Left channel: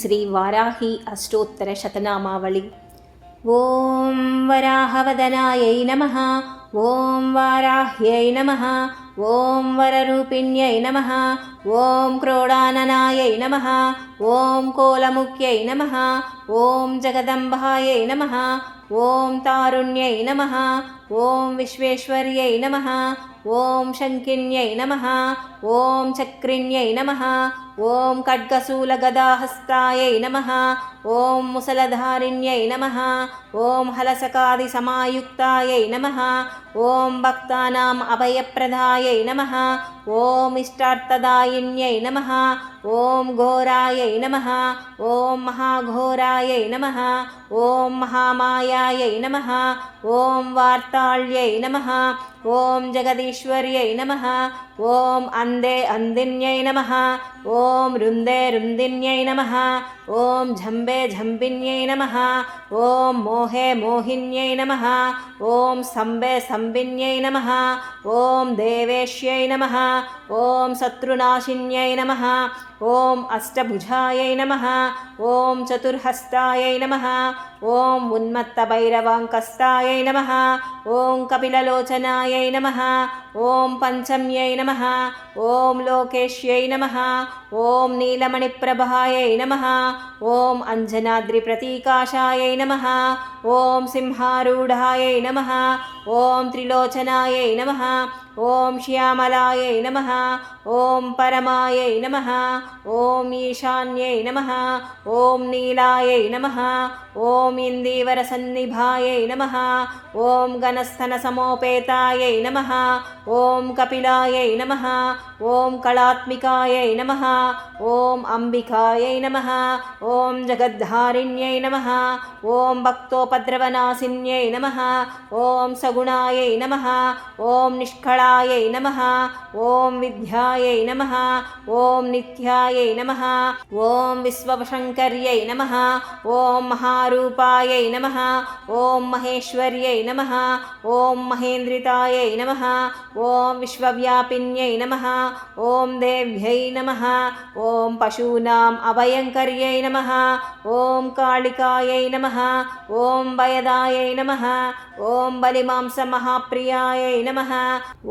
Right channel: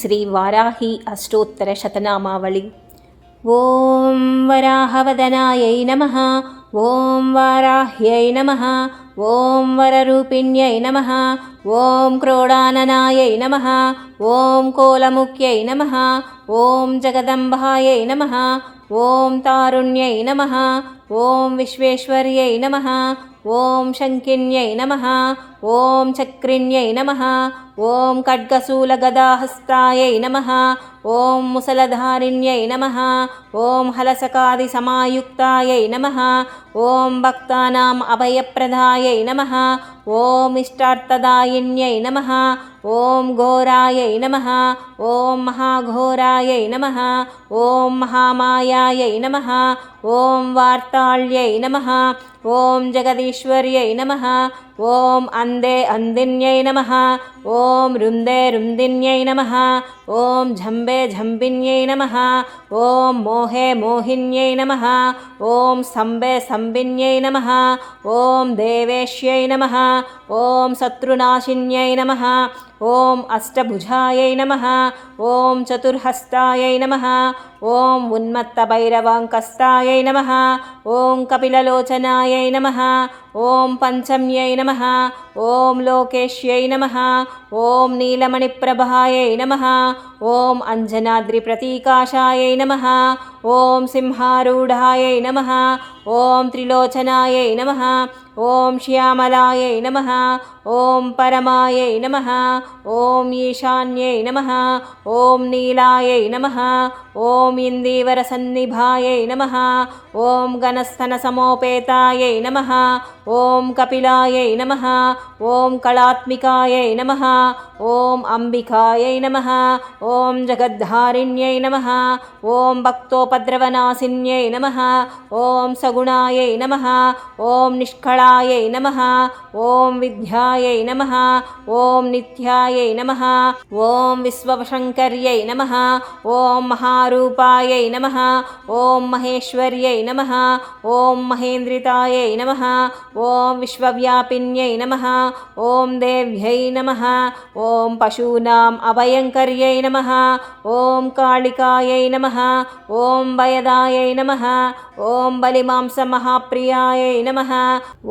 శ్రీ వారాహి అష్టోత్తర శతనామావళి. ఓం వరాహవదనాయై నమః. ఓం వారాహ్యై నమః. ఓం వరరూపిణ్యై నమః. ఓం క్రోడాననాయై నమః. ఓం కోలముఖ్యై నమః. ఓం జగదంబాయై నమః. ఓం తారుణ్యై నమః. ఓం విశ్వేశ్వర్యై నమః. ఓం శంకిన్యై నమః. ఓం చక్రిణ్యై నమః. ఓం ఖడ్గశూలగదాహస్తాయై నమః. ఓం ముసలధారిణ్యై నమః. ఓం హలసకాదిసమాయుక్తాయై నమః. ఓం భక్తానాం అభయప్రదాయై నమః. ఓం ఇష్టార్థదాయిన్యై నమః. ఓం ఘోరాయై నమః. ఓం మహాఘోరాయై నమః. ఓం మహామాయాయై నమః. ఓం వార్తాళ్యై నమః. ఓం జగదీశ్వర్యై నమః. ఓం అందే అందిన్యై నమః. ఓం రుందే రుందిన్యై నమః. ఓం ఝంబే ఝంబిన్యై నమః. ఓం మోహే మోహిన్యై నమః. ఓం సంబే సంబిన్యై నమః. ఓం దేవేశ్యై నమః. ఓం శత్రునాశిన్యై నమః. ఓం అష్టభుజాయై నమః. ఓం చతుర్హస్తాయై నమః. ఓం ఉన్మత్తభైరవాంకస్తాయై నమః. ఓం కపిలలోచనాయై నమః. ఓం పంచమ్యై నమః. ఓం లోకేశ్యై నమః. ఓం నీలమణిప్రభాయై నమః. ఓం అంజనాద్రిప్రతీకాశాయై నమః. ఓం సింహారూఢాయై నమః. ఓం త్రిలోచనాయై నమః. ఓం శ్యామలాయై నమః. ఓం పరమాయై నమః. ఓం ఈశాన్యై నమః. ఓం నీలాయై నమః. ఓం ఇందీవరసన్నిభాయై నమః. ఓం గణస్థనసమోపేతాయై నమః. ఓం కపిలాయై నమః. ఓం కళాత్మికాయై నమః. ఓం అంబికాయై నమః. ఓం జగద్ధారిణ్యై నమః. ఓం భక్తోపద్రవనాశిన్యై నమః. ఓం సగుణాయై నమః. ఓం నిష్కళాయై నమః. ఓం విద్యాయై నమః. ఓం నిత్యాయై నమః. ఓం విశ్వశంకర్యై నమః. ఓం మహారూపాయై నమః. ఓం మహేశ్వర్యై నమః. ఓం మహేంద్రితాయై నమః. ఓం విశ్వవ్యాపిన్యై నమః. ఓం దేవ్యై నమః. ఓం పశూనాం అభయంకర్యై నమః. ఓం కాళికాయై నమః. ఓం భయదాయై నమః. ఓం బలిమాంసమహాప్రియాయై నమః.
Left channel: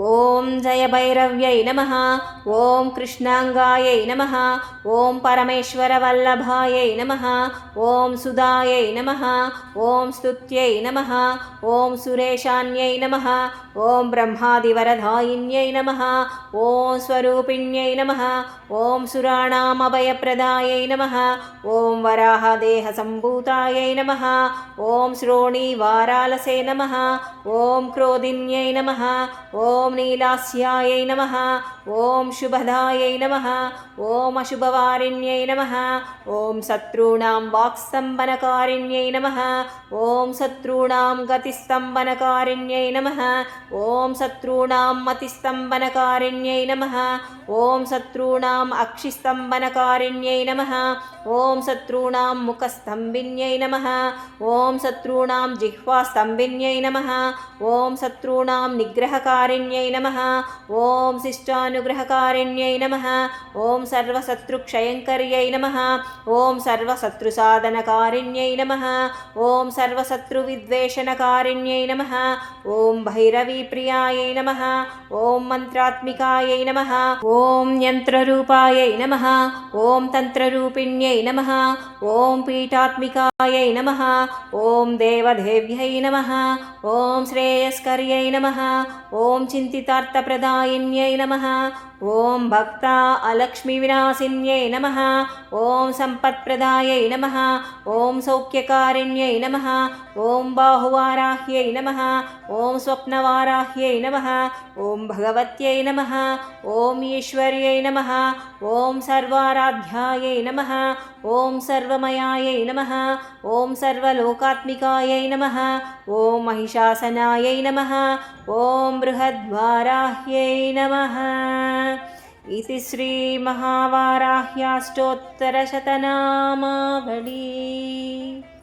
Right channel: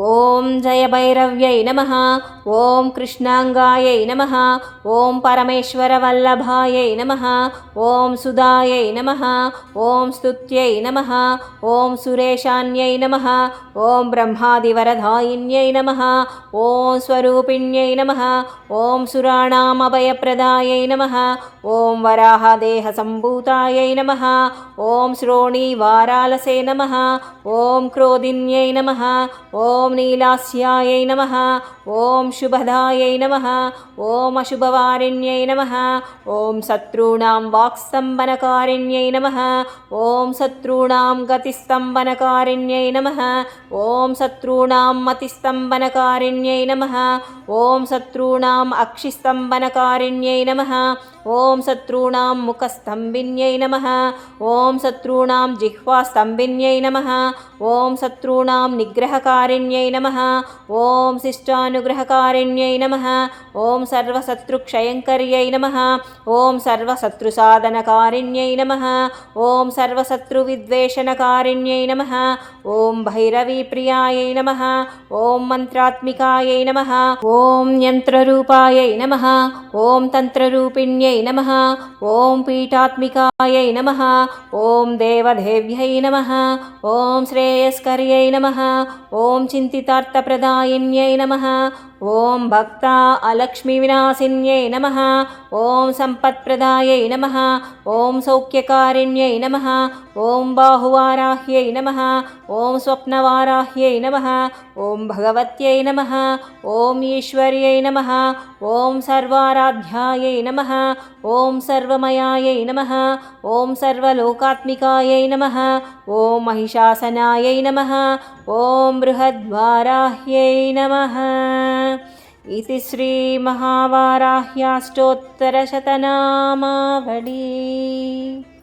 ఓం జయభైరవ్యై నమః. ఓం కృష్ణాంగాయై నమః. ఓం పరమేశ్వరవల్లభాయై నమః. ఓం సుధాయై నమః. ఓం స్తుత్యై నమః. ఓం సురేశాన్యై నమః. ఓం బ్రహ్మాదివరదాయిన్యై నమః. ఓం స్వరూపిణ్యై నమః. ఓం సురాణామభయప్రదాయై నమః. ఓం వరాహదేహసంభూతాయై నమః. ఓం శ్రోణీవారాలసే నమః. ఓం క్రోధిన్యై నమః. ఓం నీలాస్యాయై నమః. ఓం శుభదాయై నమః. ఓం అశుభవారిణ్యై నమః. ఓం శత్రూణాం వాక్స్తంభనకారిణ్యై నమః. ఓం శత్రూణాం గతిస్తంభనకారిణ్యై నమః. ఓం శత్రూణాం మతిస్తంభనకారిణ్యై నమః. ఓం శత్రూణాం అక్షిస్తంభనకారిణ్యై నమః. ఓం శత్రూణాం ముఖస్తంభిన్యై నమః. ఓం శత్రూణాం జిహ్వాస్తంభిన్యై నమః. ఓం శత్రూణాం నిగ్రహకారిణ్యై నమః. ఓం శిష్టానుగ్రహకారిణ్యై నమః. ఓం సర్వశత్రుక్షయంకర్యై నమః. ఓం సర్వశత్రుసాధనకారిణ్యై నమః. ఓం సర్వశత్రువిద్వేషణకారిణ్యై నమః. ఓం భైరవీప్రియాయై నమః. ఓం మంత్రాత్మికాయై నమః. ఓం యంత్రరూపాయై నమః. ఓం తంత్రరూపిణ్యై నమః. ఓం పీఠాత్మికాయై నమః. ఓం దేవదేవ్యై నమః. ఓం శ్రేయస్కర్యై నమః. ఓం చింతితార్థప్రదాయిన్యై నమః. ఓం భక్త అలక్ష్మీవినాశిన్యై నమః. ఓం సంపత్ప్రదాయై నమః. ఓం సౌఖ్యకారిణ్యై నమః. ఓం బాహువారాహ్యై నమః. ఓం స్వప్నవారాహ్యై నమః. ఓం భగవత్యై నమః. ఓం ఈశ్వర్యై నమః. ఓం సర్వారాధ్యాయై నమః. ఓం సర్వమయాయై నమః. ఓం సర్వలోకాత్మికాయై నమః. ఓం మహిషాసనాయై నమః. ఓం బృహద్వారాహ్యై నమః. इति श्रीमहावाराह्याष्टोत्तरशतनामावली।